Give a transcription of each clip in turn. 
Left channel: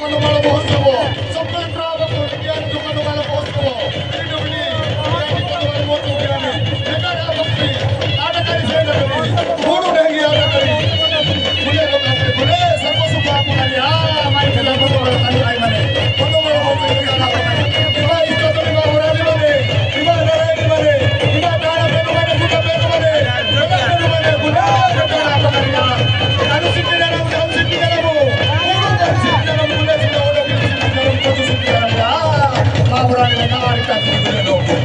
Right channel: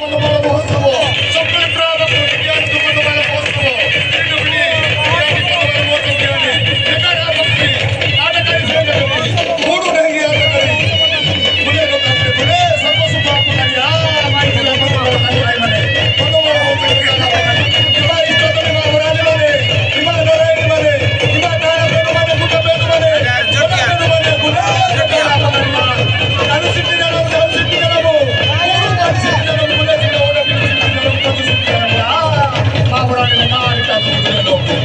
Mano mहोत्सव स्वतंत्र विज्ञान मनो महोत्सव इडुबली विज्ञान मनो विज्ञान नगर भक्ति नाटकारी सेवकरी ಮೂರು ಡೆಂಗಿ ಆಗಲಿ ಮುಲೆ ಲೋಕಕ್ಕೆ ಮುಲೆ ಸರ್ವ ಸುಖ ಪಕಡಿ ಹಮಾರಿ ಕಲ ಮನೋ ಕಲಿ ಮನೆ ಮನೋ ಮहोत्सव ಕಲ ಪಕಡಿ ಇವ ಇಷ್ಟದಲ್ಲಿ ನಾವು ರಾಜಿ ಮನೆ ಇವ ಲೋರಾಯಿ ಮನೆ ಇವ ದಾನ ಬೇರು ಮನೆ ಗುಟ ಬೇರು ಮನೆ ಜನ ಬೇರು ಮನೆ ಮುಲೆ ಕಲ ಪಕಡಿ ನಾನು ಸಿಟ್ಟಿನ ನಾವು ಸಿಟ್ಟಿನ ನಾವು ಮೂರು ದಾನಿ ಸಿಟ್ಟಿನ ನಾವು ಮುಲೆ Maurani nari tatu dile logo.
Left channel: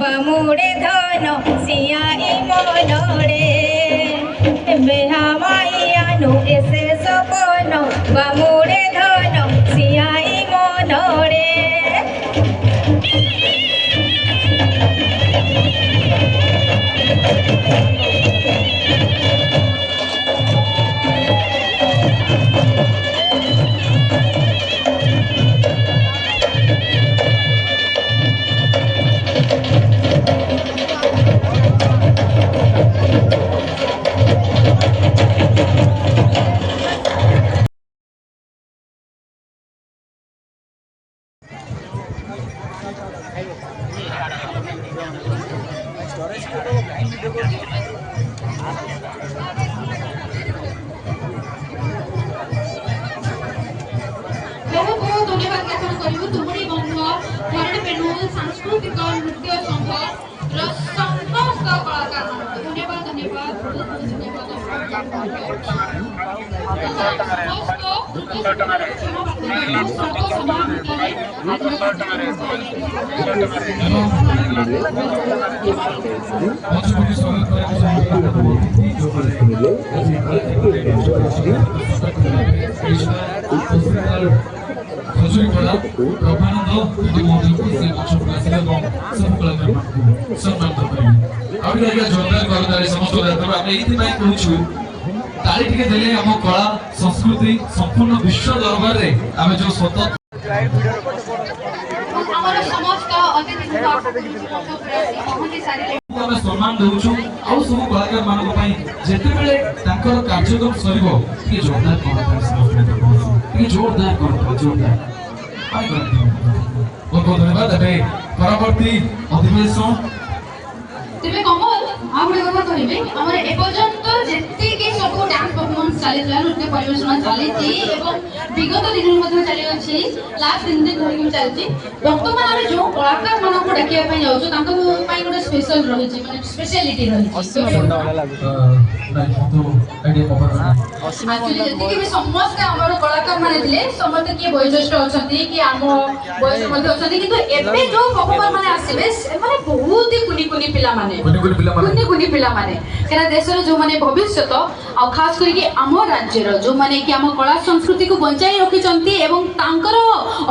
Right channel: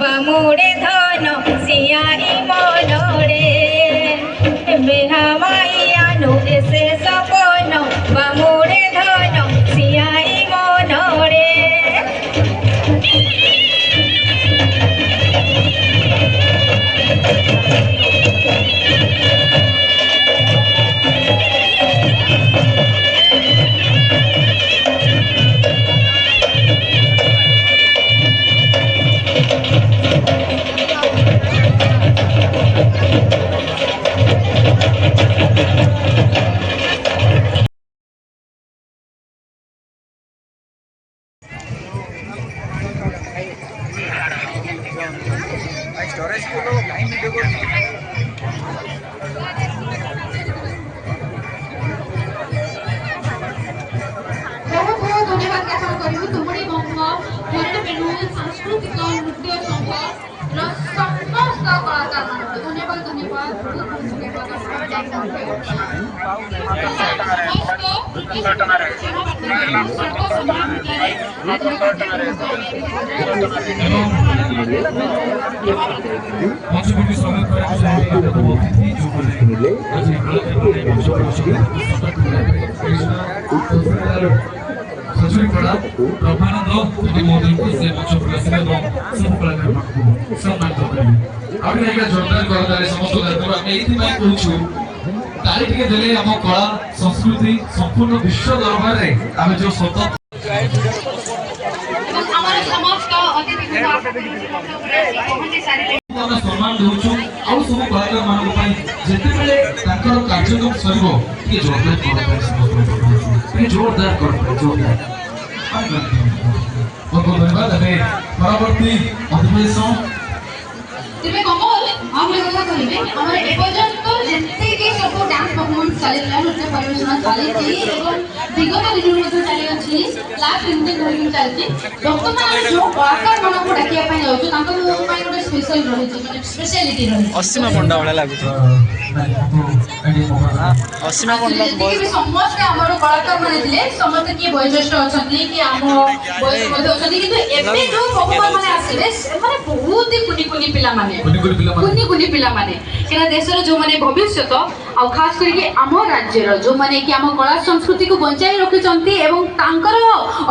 বামুড়ে ধন সিয়াই মনরে বেহা মাইয়ানু এসে সপন বামুড়ে ধন সিয়াই মনরে ବହୁତ ବହୁତ ଧନ୍ୟବାଦ ଜ୍ଞାପନ କରିବୁ ତୁମରି ବଙ୍ଗ ବେଣୁ ସାଂସ୍କୃତିକ ନୃତ୍ୟ ସଂଗୀତର ସମସ୍ତ କଳାକାରମାନଙ୍କୁ ଧନ୍ୟବାଦ ଧନ୍ୟବାଦ ବହୁତ ଖଜୁରୀପଡ଼ା ବ୍ରହ୍ମାନନ୍ଦ ଯଦି ମନ୍ଦିରକୁ ସେ ମଞ୍ଚ ପ୍ରକାଶିତ ଏବଂ ସବୁ କଳାକାରମାନଙ୍କୁ ସମ୍ମାନିତ କରିବେ। ଆଉ ଟିକେ ଆଜ୍ଞା ଜୋରଦାର କରଦାରେ ସମସ୍ତଙ୍କୁ ଦାୟିତ୍ୱ ଆମେ ଏଇଥିପାଇଁ କହୁଛୁ ତାରି ଟିକେ ଦେଲେ ଆମ କଳା ସଂସ୍କୃତି ସମ୍ପୂର୍ଣ୍ଣ ବିଶ୍ୱ ଦରବାରରେ ଆମେ ଯୋଉ ସ୍ୱତନ୍ତ୍ର ଆମର ସମସ୍ତ ଅତିଥିଙ୍କୁ ପହଞ୍ଚି ସାରିଲେ ଆମେ ସମ୍ମାନ ଦଉଛୁ ଆଉ ସବୁ କଳାକାର ମାନଙ୍କ ପାଇଁ ଯେତେବେଳେ ତାଙ୍କର କାର୍ଯ୍ୟକ୍ରମ ସରିବ ଟିକେ ଜୋରଦାର କରଦାରେ ସମସ୍ତଙ୍କୁ ଟିକେ ଜୋରଦାର କରଦାରେ ଜୋରଦାର ବହୁତ ବହୁତ ଧନ୍ୟବାଦ। ଏବେ ପରବର୍ତ୍ତୀ ଅଧିବେଶନ ତେବେ କମଲ ଆଉ ଗୋଟେ କଥା କହିବି ଆମର ଏପର୍ଯ୍ୟନ୍ତ ଯେତିକି ସବୁ ଡ୍ୟାନ୍ସ ପରଫର୍ମାନ୍ସ ଚାଲିଥିଲା ନୃତ୍ୟ ପରିବେଷଣ ଚାଲିଛି ଏବଂ ବିଗତ ଦିନରୁ ମଧ୍ୟ ଚାଲିଅଛି ଲାଷ୍ଟ 3 ଦିନ ଧରିକି ଚାଲିଛି ବର୍ତ୍ତମାନ ଆମେ ଯେଉଁ କଳାକାରମାନଙ୍କୁ ଡାକିବା ପାଇଁ ଯାଉଛୁ ତାଙ୍କ ପାଇଁ ଗୋଟେ ସ୍ପେଶାଲ ରହିଛି ମାନେ ସ୍ପେଶାଲିଟି ରହିଛି ଅସୀମା ପଣ୍ଡା ଭଳିଆ ଲାଗୁଛି ଅସୀମା ପଣ୍ଡା ଯେତିକି ବି ସମସ୍ତେ ଆମର କଳାକାର ମାନେ ଥିଲେ ସମସ୍ତେ କିଏ ବୟୋଜ୍ୟେଷ୍ଠ ଅଛନ୍ତି କି ଆମ ବୟସ ମଧ୍ୟ ଅଛନ୍ତି କିନ୍ତୁ ଏବେ ଯୋଉ ପରଫର୍ମାର ମାନେ ଆସିବେ ସେମାନେ ବହୁତ ହି କୁନି କୁନି ପିଲାମାନେ କୁନି କୁନି ପିଲାମାନେ କାରଣ ଦେଶର ଯୋଉମାନେ ଭବିଷ୍ୟତ ଆଉ ଖାସ କରିକି ଆମ ରାଜ୍ୟର ଯୋଉମାନେ କି ଆମ କଳା ସଂସ୍କୃତିକୁ ବଞ୍ଚାଇ ରଖିଛନ୍ତି ଏବଂ ତାଙ୍କର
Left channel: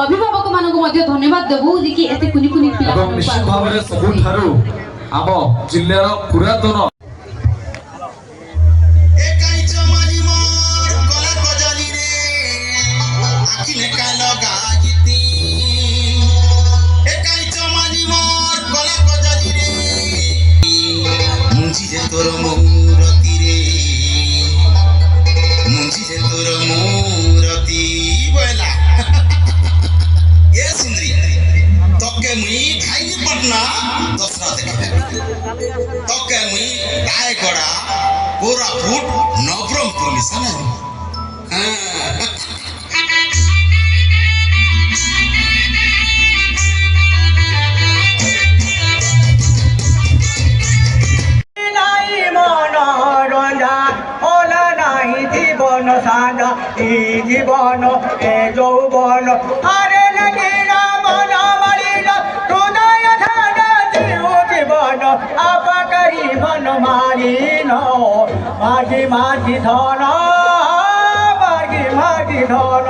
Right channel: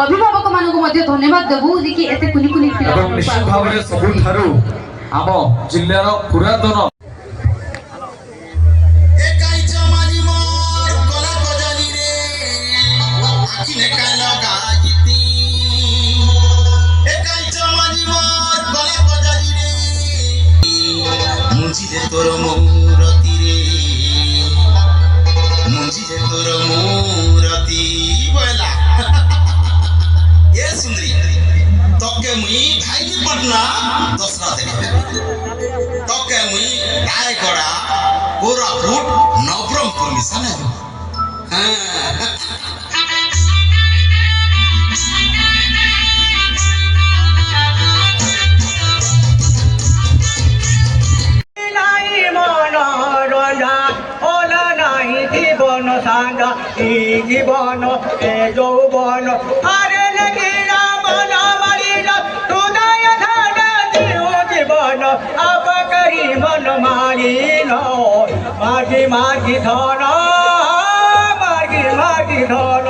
ଅଭିଭାବକ ମାନଙ୍କୁ ମଧ୍ୟ ଧନ୍ୟବାଦ ଦେବୁ ଯେ କି ଏତେ କୁନି କୁନି ଏବଂ ନିଶ୍ଚିତ ଭାବରେ ସବୁଠାରୁ ଆମ ଜିଲ୍ଲାର ପୁରାତନ তোর মৌরতি রে মুঞ্জিরে তোর মৌরতি বলা এ সুন্দরী তোকে মুই ভাইলি পটনা দশরা দেখে তোকে মুই রায়গড়া কোরাপুট নবরঙ্গপুর মিশানে হ্যাঁ সাদা এই জীবন এ যৌবন আরে লাগিলা মন মারিল হৃদয় ধারা জীবন আপকারী মন মারিল মাঝি মাঝি ধন মাঝি মাঝি ধন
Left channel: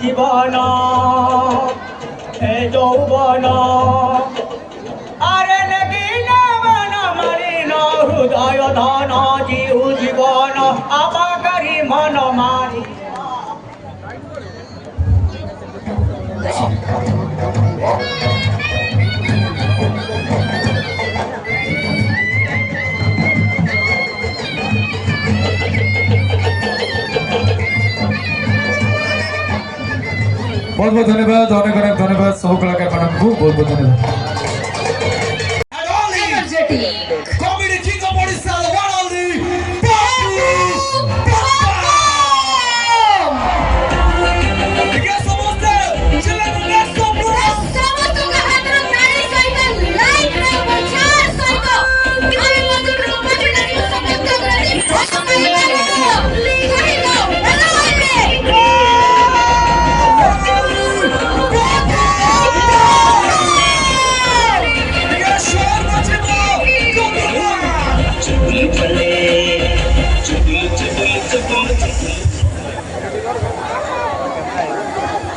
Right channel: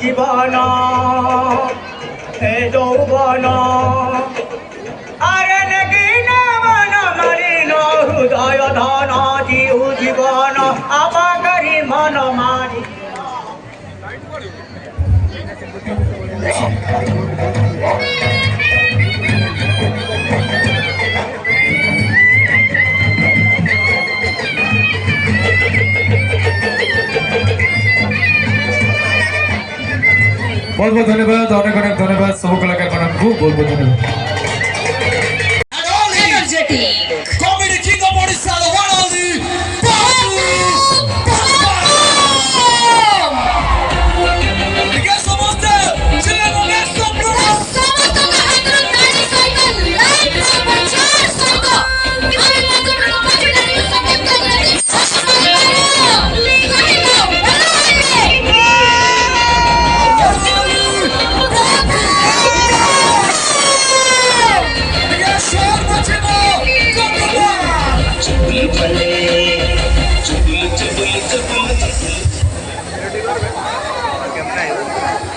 জীবন এ যৌবন আরে নেগিনা মন মারিন হৃদয় ধন জিউ জীবন আপাকারী মন মারি बहुत बहुत धन्यवाद अनेक अनेक धन्यवाद सब कलाकार मानक बहुत बहुत धन्यवाद Comedy King of Odisha, the one only Babu Baba. Because some of the children get some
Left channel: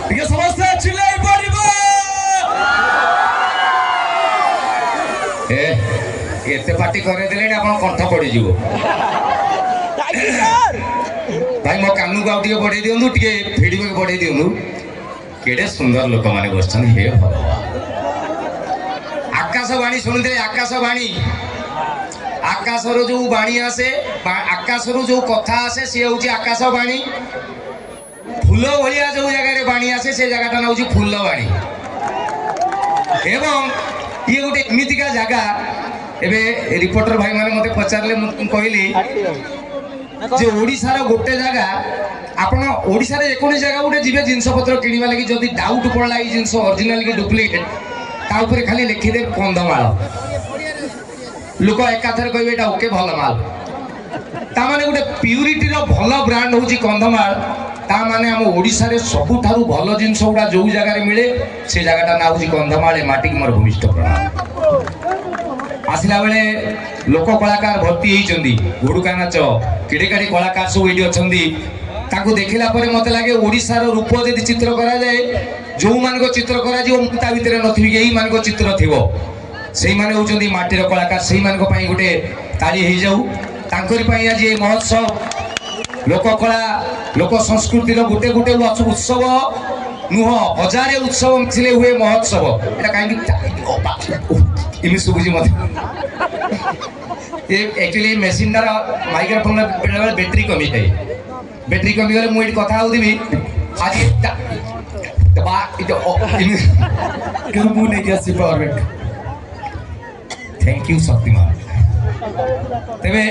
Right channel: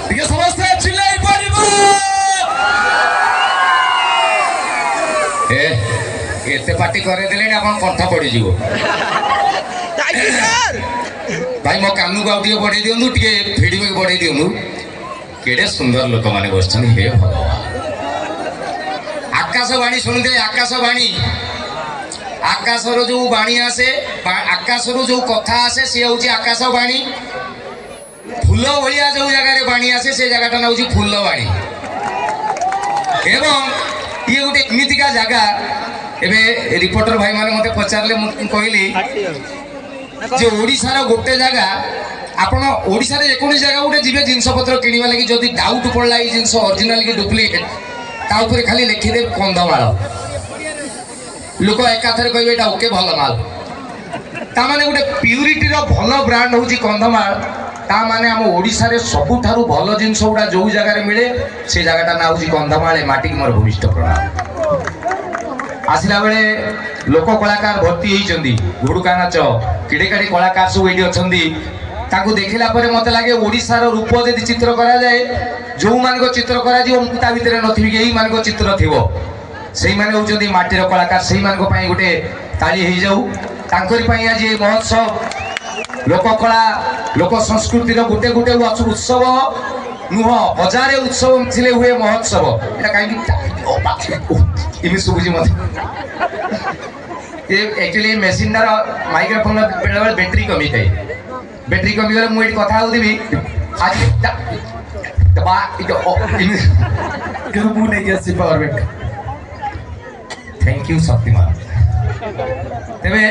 Because some of the children एते पार्टी करे देले आपण कंठ पड़ी जीवो भाई मो कानू गाउ टिके बढ़े दियंदु टिके फीडबैक बढ़े दियंदु केडे सुंदर लोक माने बसछन हे भगवान आकाशवाणी सुनते आकाशवाणी आकाशर जो वाणी आसे आकाशर जो कथा आसे से होची आकाशवाणी फूल भलिया जो जगह रे वाणी आसे से जगहटा ना होची फूलवाणी एवं ये गोटे एमितिका जगह एबे रिपोर्टर भाई माने मते पचारले मु कहली जे ओडिसा रो गोटे जगह आपण ओडिसा रे एकोनी जगह गोटे जिबे जिंस पत्र किनिबा लागि जदी डाउट पड़ला ई जिंस ओरिजिनल की डुप्लीकेट ता ऊपर खाली लिखि दे कंधमाल लोक एकाथरे कहबे एटा ओके भल माल ता माने गोटे प्यूरिटी रो भल ब्रांड होची कंधमाल ता माने हम ओडिसा रे सबु थारु भल जिंस उडा जो जगह रे मिले से जगहटा ना होची कंधमाल ए माटी मोर भूमिष्ठ प्रणाम आसिला बेले लोक कलाकार भर्ती होइचंदी घुडुका नाच किडे काडी कलाकार सब एडी अछंदी ताको देखिला परे मते लागे ओडिसा रो रूप जदि चित्र करा जाए जो मान को चित्र करा जीव ता भितर नथिबि के एही मान को चित्र थिवो सेही माने होचंदी माटी रो कलाकार सेही मान को पई गुटे ताली हेइ जाऊ तांकरी पई आज ए महोत्सव लोक कला लोक संस्कृति रो गुटे गुटे उत्सव नुह हजारे उत्सव मिथिले हुए महोत्सव एटा काई इमे सुबुजी मत ये एक्चुअली मशीन दार माइक्रोफोन बेले बैटरी कमी थाए बैटरी कमी गले मुई कथा होदिबी आज दबा इतो कि मु नै गसी power bank thank you Shaktimaan तेबे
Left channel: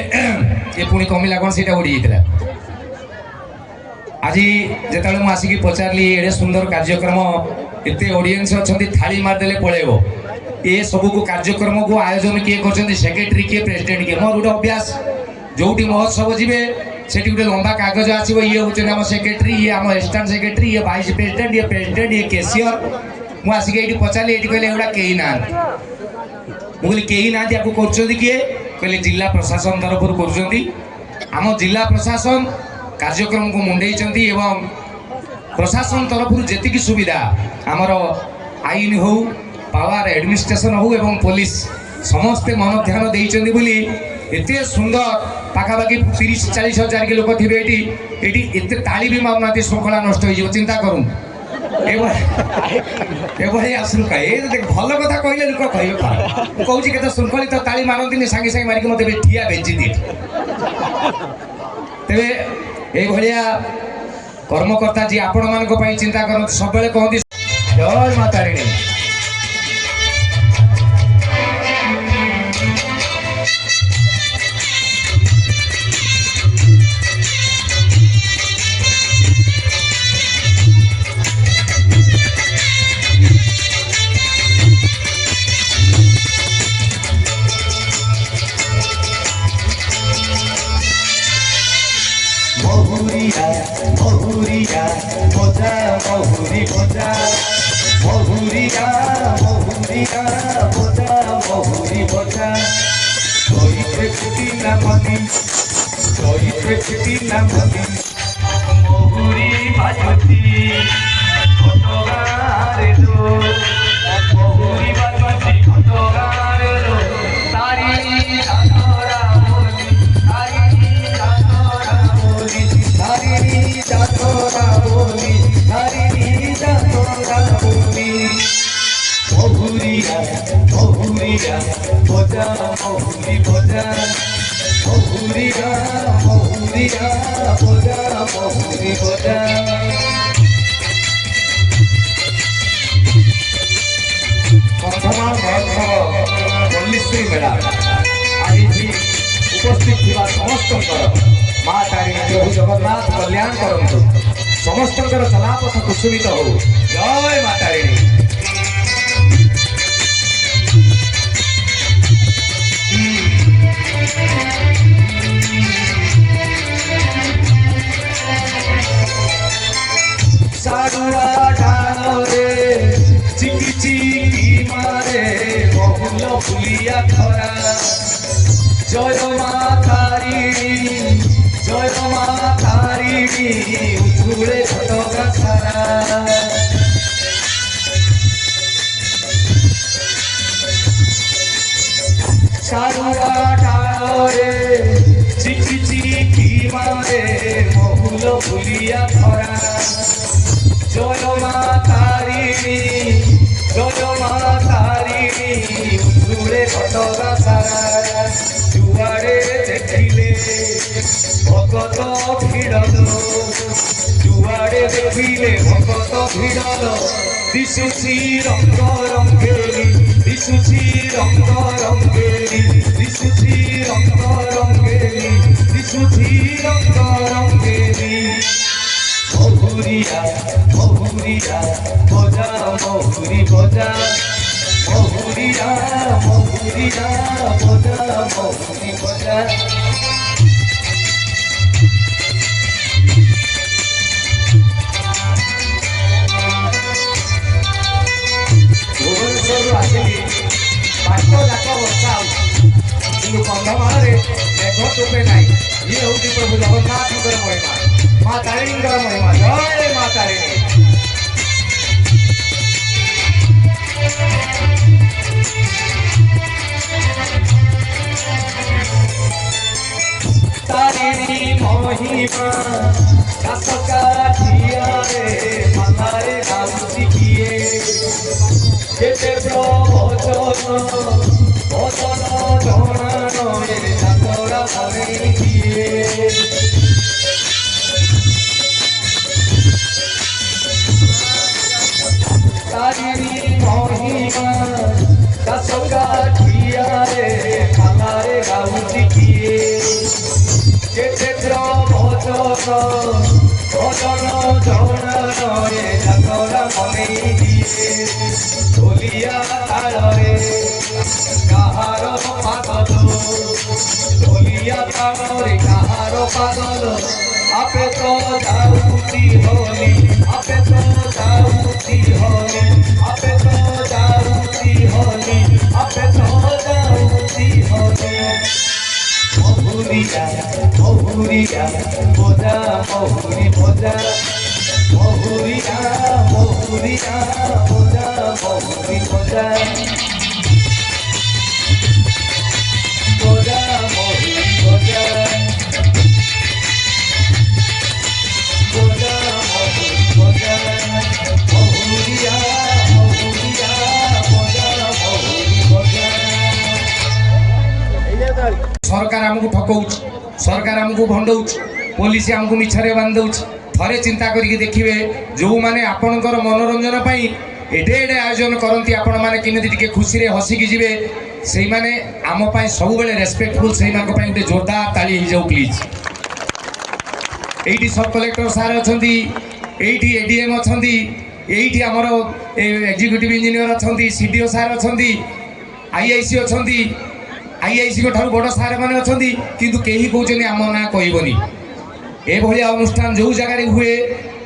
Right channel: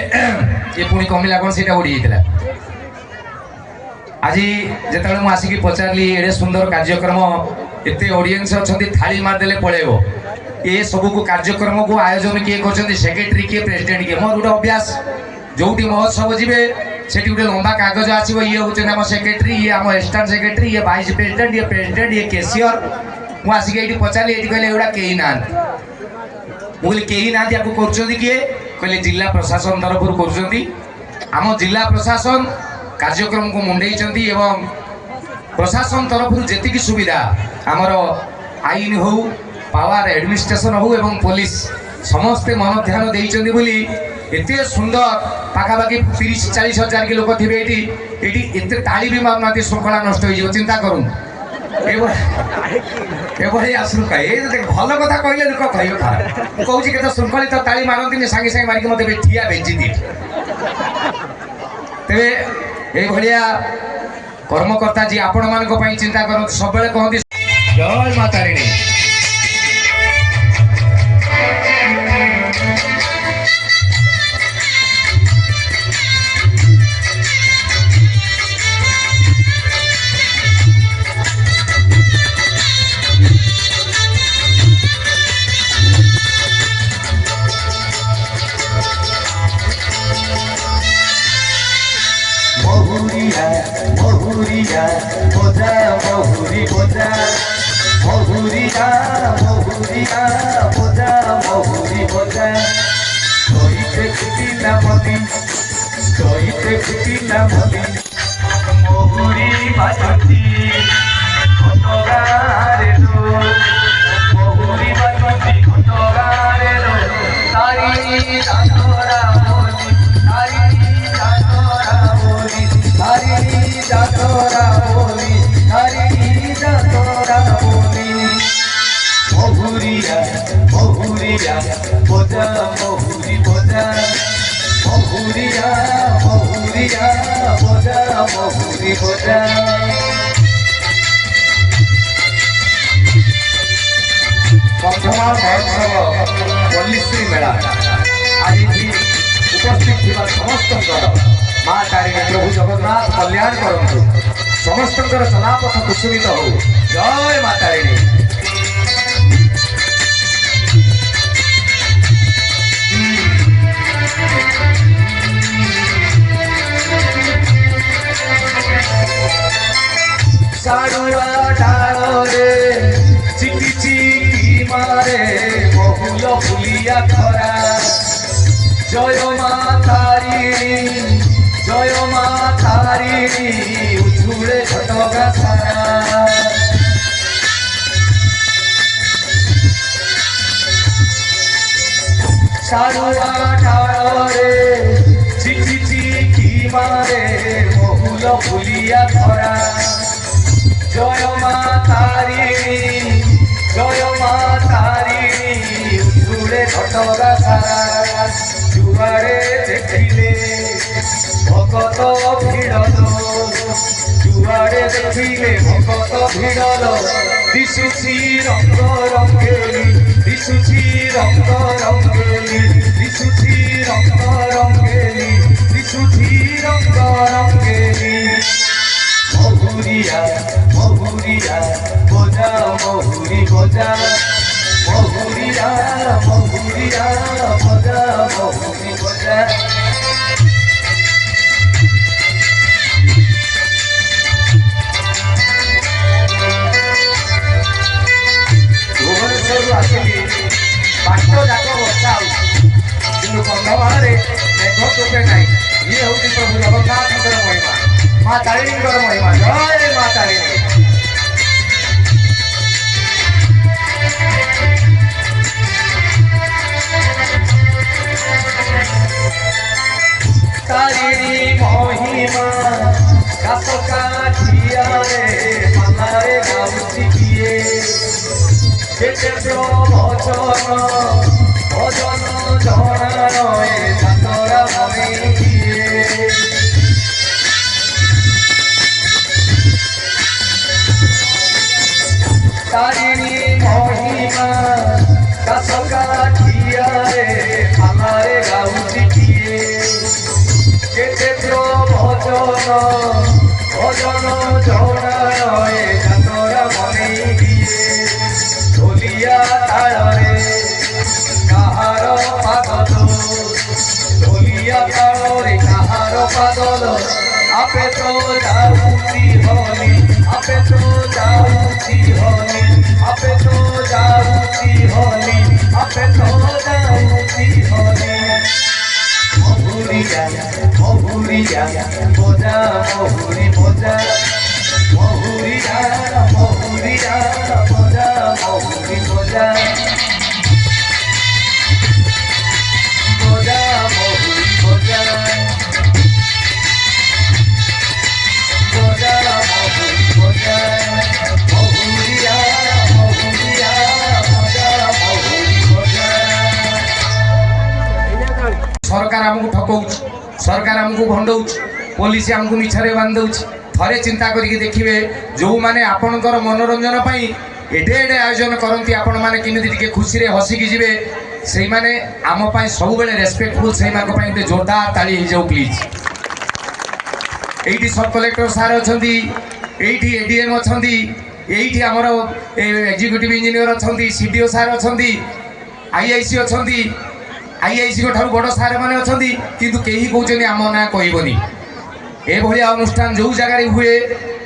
ये पुणी कमिला कोन सेटा उडी जेतला आज जेतले मु आसी की पचारली एडे सुंदर कार्यक्रम एते ऑडियंस अछंती थाली मार देले पळेबो ए सब को कार्यक्रम को आयोजन किए कर सेक्रेटरी किए प्रेसिडेंट किए मोर गोटे अभ्यास जोटी महोत्सव जीवे से गोटे लंबा कागज आसो ये हूँ आम सेक्रेटरी ये आम असिस्टांट सेक्रेटरी ये वाइस प्रेसिडेंट ये कैशियर मुझे आसिक ये पचारि ये कहले एगुड़ा कहीं ना मुझे कहीं ना कर किए कहले जिला प्रशासन तरफ कर जिला प्रशासन कार्यक्रम को मुंडे एवं प्रशासन तरफ जी सुविधा आमर आईन हो पावर एडमिनिस्ट्रेशन हो एवं पुलिस समस्ते मन ध्यान देइचंदी बोली एते सुंदर पाखापाखि 30-40 हजार के लोक थे ये एते ताली भी मारना श्रृंखला नष्ट हो चिंता करूँ एभली आसू कहे भल कथा कहले लोक कह कहूँ के श्रृंखलित ताली मारती सागे सागे मारिक मत ठिया बेची दिए तेरे ये कर्मकर्ता जी आपण मान चिंता कर सब कहते जय माता रानी बहुरिया बोझा बहुरी बोझा बहुरिया बहुरिया बोझा बहुरी बोझा कहिते खुटी ना मनी कहिते खुटी ना मनी बहुरी बाजती फटगारे लो बहुरी बाजती फटगारे लो तारी आतोरा बोली तारी आतोरा बोली तारी जातोरा बोली तारी जातोरा बोली बहुरिया बहुरिया बोझा बहुरी बोझा बहुरिया बहुरिया बोझा बहुरी बोझा कंधमाल महोत्सव पल्लीश्री मेला आज उपस्थित थिबा समस्त माँ तारिणी प्रभु जगन्नाथ कल्याण करंतु समस्त चलापथ कुसुमित हो। जय माँ तारिणी। सारुआ डाले चिकी चिकी मारे बहुल फुलिया खरा जय माँ तारिणी जय माँ तारिणी उछुले घटका सारा सारुआ डाले चिकी चिकी मारे बहुल फुलिया खरा जय माँ तारिणी जय माँ तारिणी उछुले घटका सारा जुआड़े देखिले भगत भिड़ल जुआड़े देखिले भगत भिड़ल दिशुची रंग रंगेली दिशुची रंग रंगेली दिशुची रंग रंगेली दिशुची रंग रंगेली महुरिया महुरिया बजा महुरी बजा महुरिया महुरिया बजा महुरी बजा। भुवनेश्वर आसिली बाट जाक वर्षा कि कंधमाल मेघ टोपे ना ये हूँ प्रभु जगन्नाथ महिमा माँ तारिणी महिमा। जय माँ तारिणी। तारिणी महिमा गाछ काठिया रे मालारे गाउची किए जेते प्रवचन भजन जणान ए जातरा बनेई दिए तारिणी महिमा गाछ काठिया रे मालारे गाउची किए जेते प्रवचन भजन जणान ए जातरा बनेई दिए ढोलिया ताଳରେ କାହାର ପାଗଲ ଢୋଲିଆ ତାଳରେ କାହାର ପାଗଲ ଆପେ ତ ଯାଉଛି ହଲି ଆପେ ତ ଯାଉଛି ହଲି ଆପେ ତ ଯାଉଛି ହଲି ଆପେ ତ ଯାଉଛି ହଲି ମହୁରିଆ ମହୁରିଆ ବଜା ମହୁରି ବଜା महुरिया महुरिया बजा महुरी बजा बजा महुरी बजा बजा महुरी बजा महुरिया महुरिया बजा महुरी बजा। सरकार आमको ठकौछ सरकार आमको भंडौछ पुलिस आमको मिछरे बांधौछ थरे चिंता करिके देखिए जो माने आपणकर मनोरंजन पाई एडे एडे आयोजन करती आपण माने किमिति टिके खुशी रे हसिकी जिवे सेई माने आम पाई सब बेले रेस्पेक्टफुल सेई मानको पाई गोटे जोरदार ताली हो जाऊ प्लीज। एइटी सब कलेक्टर सार अछंती एइटी एडीएम अछंती एइटी हमर एग्जीक्यूटिव इंजीनियर अछंती सीडीओ सार अछंती आईआईसी अछंती आईआईसी को ठारू बड़ सार माने अछंती किंतु केही कहउछनी आम ना कहबनी ए भलिया अनुष्ठान जो जगार हुए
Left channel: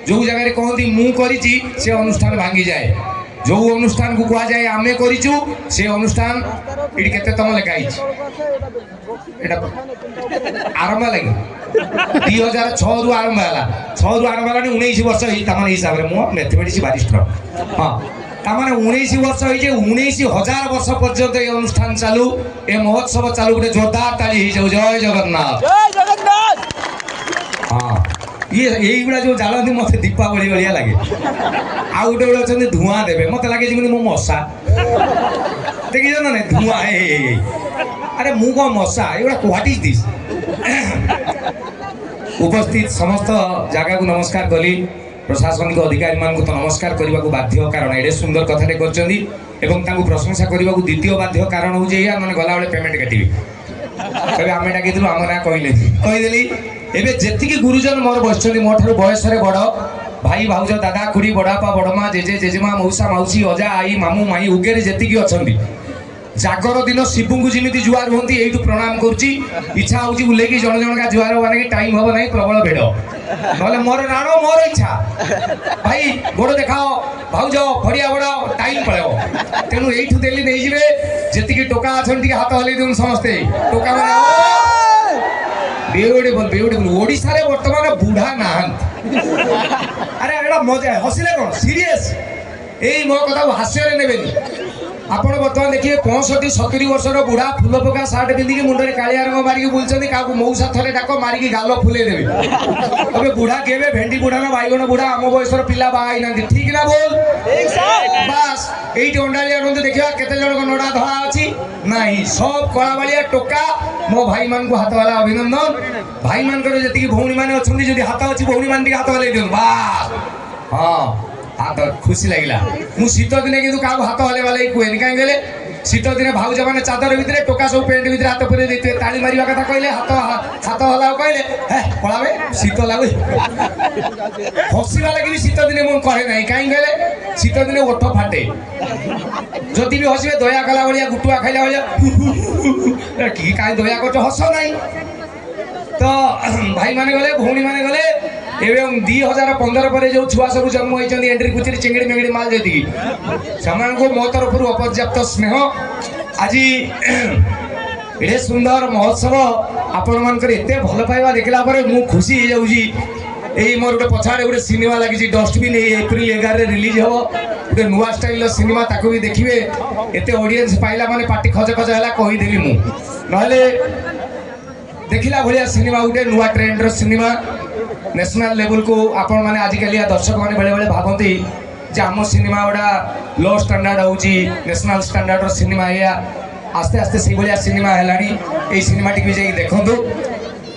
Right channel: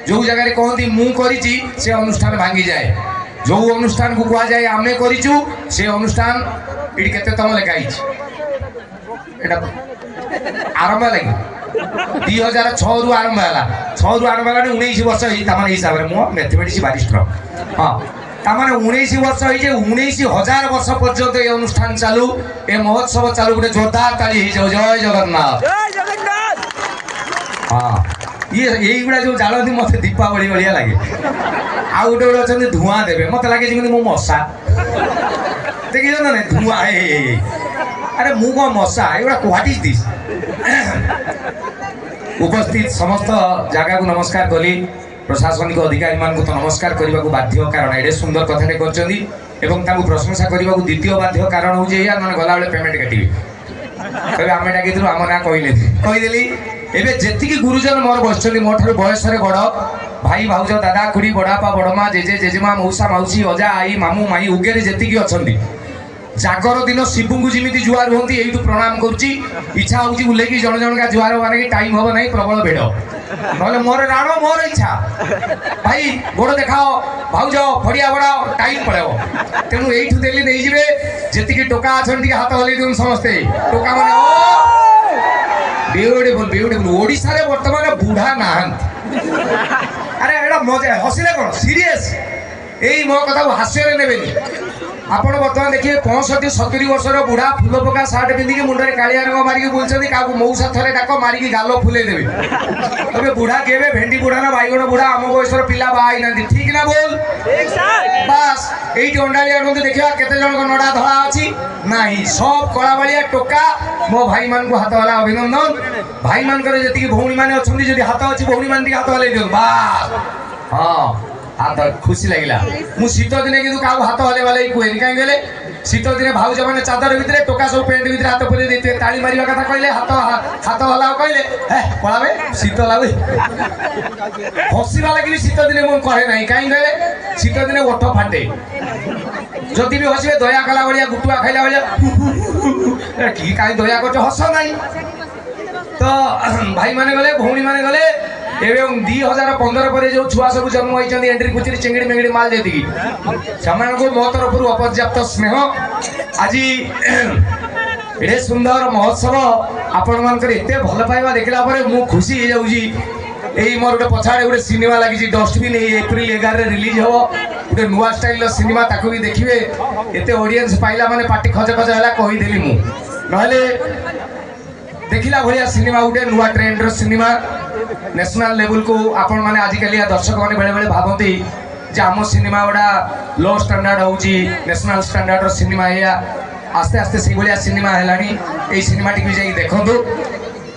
जो जगार कहती मु करिछि से अनुष्ठान भांगी जाए जो अनुष्ठान को कहा जाए आमे करिछु से अनुष्ठान इडी केते तम लेखाई एटा आरंभ लगी 2006 रु आरंभ हला 6 रु आरंभ हला 19 वर्ष ही तमाने हिसाब रे मो मैथमेटिक्स बारिस्टर हां तमाने 19 वर्ष ही जे 19,000 वर्ष पर्यंत ए अनुष्ठान चालू ए महोत्सव चालू गोटे जोरदार ताली ही जाऊ। जय जगन्नाथ जय जगन्नाथ। हाँ ये यही गुड़ा जो जालती मत दीपावली भाया लगे आउ गोटे गोटे अच्छा धूआं देवे मत लगे जमी मो मशा देखी ना ना धूआं अरे मु कौन मशा ये व्हाट इज दिस। उपस्थित समस्त जगह को नमस्कार कली प्रशासनिक अधिकारी मान तो नमस्कार करने को बाध्य कारण एडे सुंदर कथाटे कर प्रशंसा करने को द्वितीय बाध्य कारण हूँ मैंने गला बेले पेमेंट काटि कहे आम डाक आम ना कहीदेली एवं जी गुरुजन मोर बस मो ठार बयस बड़ भाई भाउज दादा खुड़ी बड़ापा बड़मा जेजे जेजेमा मौसा मौसी अजा आई मामू माई उगेरे जी अच्छा जागर दिन शिवू को जमी जुआर हूँ यू प्रणाम करुच्ची इच्छा हूँ बुले जन जन का जुआर माने टाइम हम ना प्रबल भिड़ ना मोर राण मोर इच्छा भाई गोड़ देखाओ भाउज फड़िया बड़ाओ टाइम पड़े तेणु यू देली नहीं जी जी टोका अच्छा हाथ हल्ई दिखाँ समस्ते टोका मैंने ब्यूटिफुल ब्यूटिफुल ओडिशा रे वर्तमान बुढ़ा ना अरे एटा मजा हसिले कौन सीरियस यही मो कथा हास्य ने आपण बर्तमान देखिए 65-70 वर्षर बुढ़ा फूल पका सार्ट पिंधिकी मुंडे कालिया रंग मारिकी बुलछन्ती काकू मौसा थरे डाक मारिकी गाल फुले देबे अबे बुढ़ा केबे भेंडी बुढ़ा ना बाईगण बुढ़ा आम बयसर पिला बाई नांती ठीक ना बोल बस एइटी अंडाली आनंद देखिया केते जण नडा धळा अछि नाही सब कळा बालिया टोका मो भाई मान को हाथ वाला अभिनंदन भाई मान करे जति भौणी माने अछंती जदि हाथ अछि भौणी मान हाथ वाले दियो बस हां हाथ खुशी लगिला मु शीत दिने किंतु का हाथ हले वाले कहनी कहीं गले शीत दिने भाउज मैंने चादर भितर टोका सब पेंट भितर हाथ पूरे देते ताली मारिया कथा कहले हाथ हला कहले हे पळावे शीत लागु हसीवा लगी शीत दिने मु कहे नहीं कहीं गले शीत दिने ओठ फाटे जदि भी हसीबे दया कला भलिया गुटुआ खाइला भलिया की काई दया करछ हस नहीं तो भाई माने गले भौणी माने गले एवं 2015 पर जो छुआ सब जन्म होती एंट्री कुचरी चिंगड़ी मेंगड़ी माल जी से मो तरफ अपर्याप्त स्नेह आज एडे सुंदर महोत्सव आपण मानकर एते भल पाइबा देखला परे मु खुशी हो जाउजी एई मोर गोटे पछाड़े गोटे सिनेमा लगी डस्टबिन एप्रिल 11 रिलीज हो गोटे नुआ स्टाइल सिनेमा ताकू भी देखिए एते ऑडियंस पाइला माने पार्टी खज खज हला कहि देली मु नहले देखिला भलिया सिनेमा गोटे नुआ ट्रेंड सिनेमा नेशनल लेवल को आपण माने आजिकल दर्शक मैंने बेले बेले भावती जे आम सिनेमा गुड़ा लो स्टैंडर्ड होची नेशनल स्टैंडर्ड सिनेमा या आस्ते आस्ते से भाया सिनेमा है सिनेमा टी जाई देखंतु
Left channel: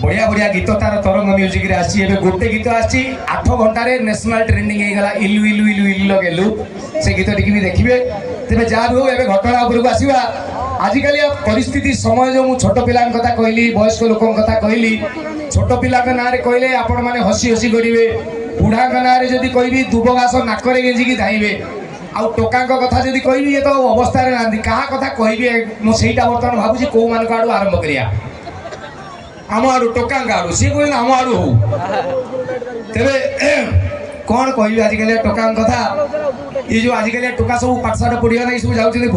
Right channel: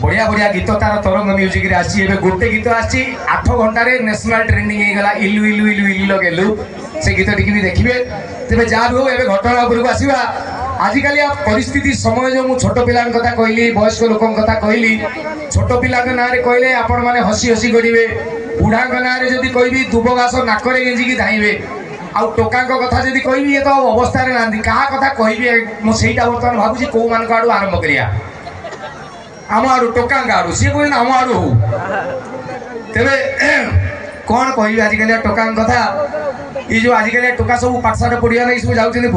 बढ़िया बढ़िया गीत तार तरंग म्यूजिक रे आसी एबे गोटे गीत आसी 8 घंटा रे नेशनल ट्रेंडिंग हे गला इलु इलु इलु इलु लगेलु से गीत टी भी देखिबे तबे जा हो एबे घटना ऊपर को आसीबा आजिकल परिस्थिति समय जो मु छोट पिलान कथा कहली वयस्क लोकन कथा कहली छोट पिला ना कहले आपण माने हसी हसी करेंगे बुढ़ा ना जदि कहबी दुब घास नाकरे गेंजिकी धाइबे आउ टोका कथा जदि कहबी ये तो अवस्था ना क्या कथा कहबी मुझे बर्तमान भावुँ कौ मान आड़ू आरंभ करिया आम आड़ू टोका आड़ू सी कह आम आड़ू हो तेरे कौन कह आजिकल टोका कथा ये जो आजिकल टोका सब पाठशाला पढ़िया नहीं सब जाऊँ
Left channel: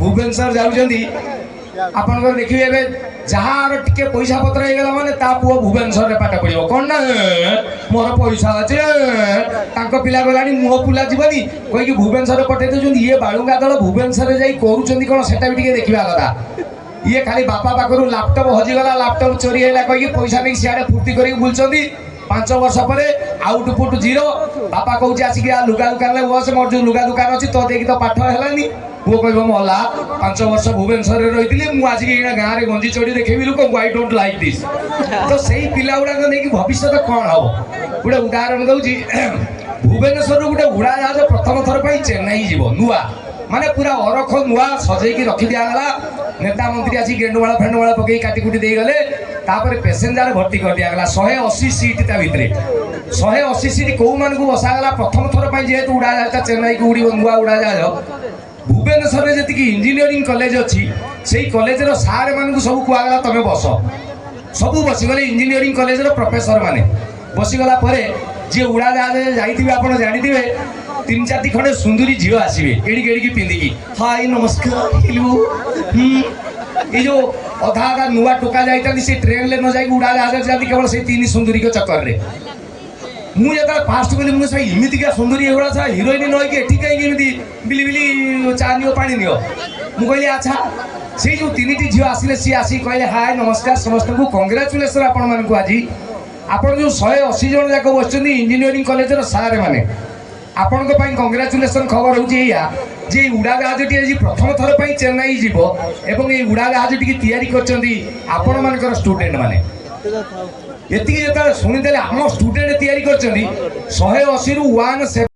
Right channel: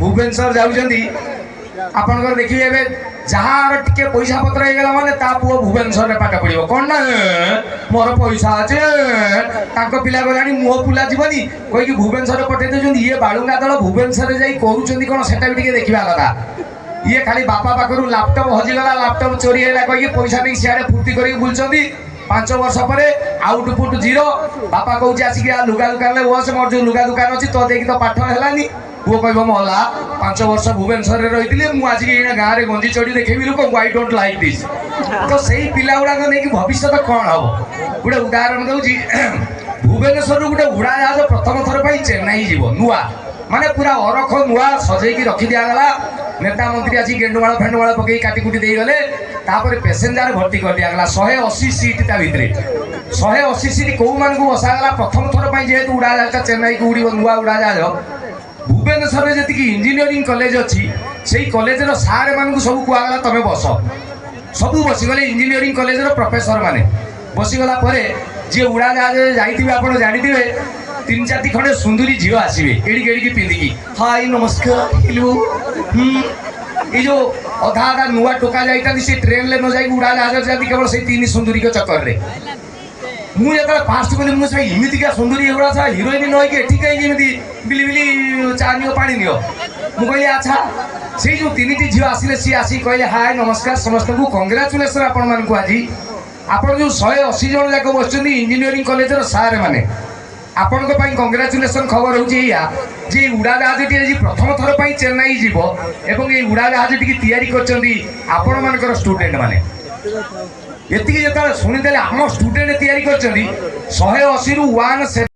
भुवनेश्वर जाऊँगी आपंकर देखिए एवं जार टिके पैसा पत्र होगा माने ता पुओ भुवनेश्वर में पाठ पढ़ो कौन ना मोर पैसा अच्छे पिला गलानी मुह फुला जीवनी कहीकि भुवनेश्वर पठे दे ये बालुंगा दल भुवनेश्वर जाई करूँ कौन से देखा कथा ये खाली बापा पाखर लैपटॉप हजिगला लैपटॉप चोरी है कहीं पैसा नहीं सियाड़े फुर्ती कर बुलूँ 5 वर्ष पर आउटपुट जीरो बापा कहूँ आसिक लुगा दुकान में बस मोर जो लुगा दुकान अच्छी तो देखिए तो पाठ है पुओ कह मला 5 वर्ष भुवनेश्वर रही मुझे गाँव में गंजी चढ़ी देखेबी लोक आई डोंट लाइक दिस तो सही पिला गुड़ाक नहीं भविष्य कौन हम गोटे उदाहरण दूसरी भुवनेश्वर गोटे उड़ा जहाज प्रथम थर पर चेन्नई जीव नुआ माने पूरा अरख नुआ सजेकी रखी दिगला नेता मंत्री आसी गेंडुमाल फेंडुमाल पकई काटिकुटी देगले पैसेंजर भर्ती कर दिगला 180 सीट ता भितर 180 सीट कौ मान को बसागला प्रथम थर पर जेहेतु उड़ा जहाज चेन्नई को उड़ नुआ उड़ा जहाज भुवनेश्वर में जी इंजीनियरिंग कॉलेज अच्छी से कॉलेज सारे मान सब कहगला तुम बस सब बसीगले इंजीनियरिंग कॉलेज प्रोफेसर माने बसीगला जी उड़ा जहाज जाइए आप जानी 3-4 खंडे सुंदरी झील आसवे एड़ी एड़ी पिंधिकी हाय नमस्कार हेलो ये जो अधा अधा नुआ टोका जाती से ट्रेन ले न जाए उड़ा जहाज जाती केवल से 3 सुंदरी के चक्कर में मुझे फास्ट कली मुझे इमितिका सुंदरी एगुड़ा था हिरोइन नईकि एठी कहीं बिली बिली चा नियो पानी नियो मुझे अच्छा से जो 3टी झील आसिले सी आसी कहले हाय नमस्कार समस्त को कंग्राचुलेसन आपण मानकु आज आपण जो 180 जन जाक बस इंजीनियरिंग कॉलेज सारे माने आपण कंग्राचुलेसन खबर होची उड़ा जहाज आज प्रथम थर पर चेन्नई जीव एवं ये उड़ा जहाज टी तैयारी कर आपण मान स्टूडेंट माने ଏତିକି ଯେତେବେଳେ ଶୁଣିଦେଲେ ଆମ ଷ୍ଟୁଡେଣ୍ଟ ତିଆରି କରିଛନ୍ତି 180 ରୁ 170।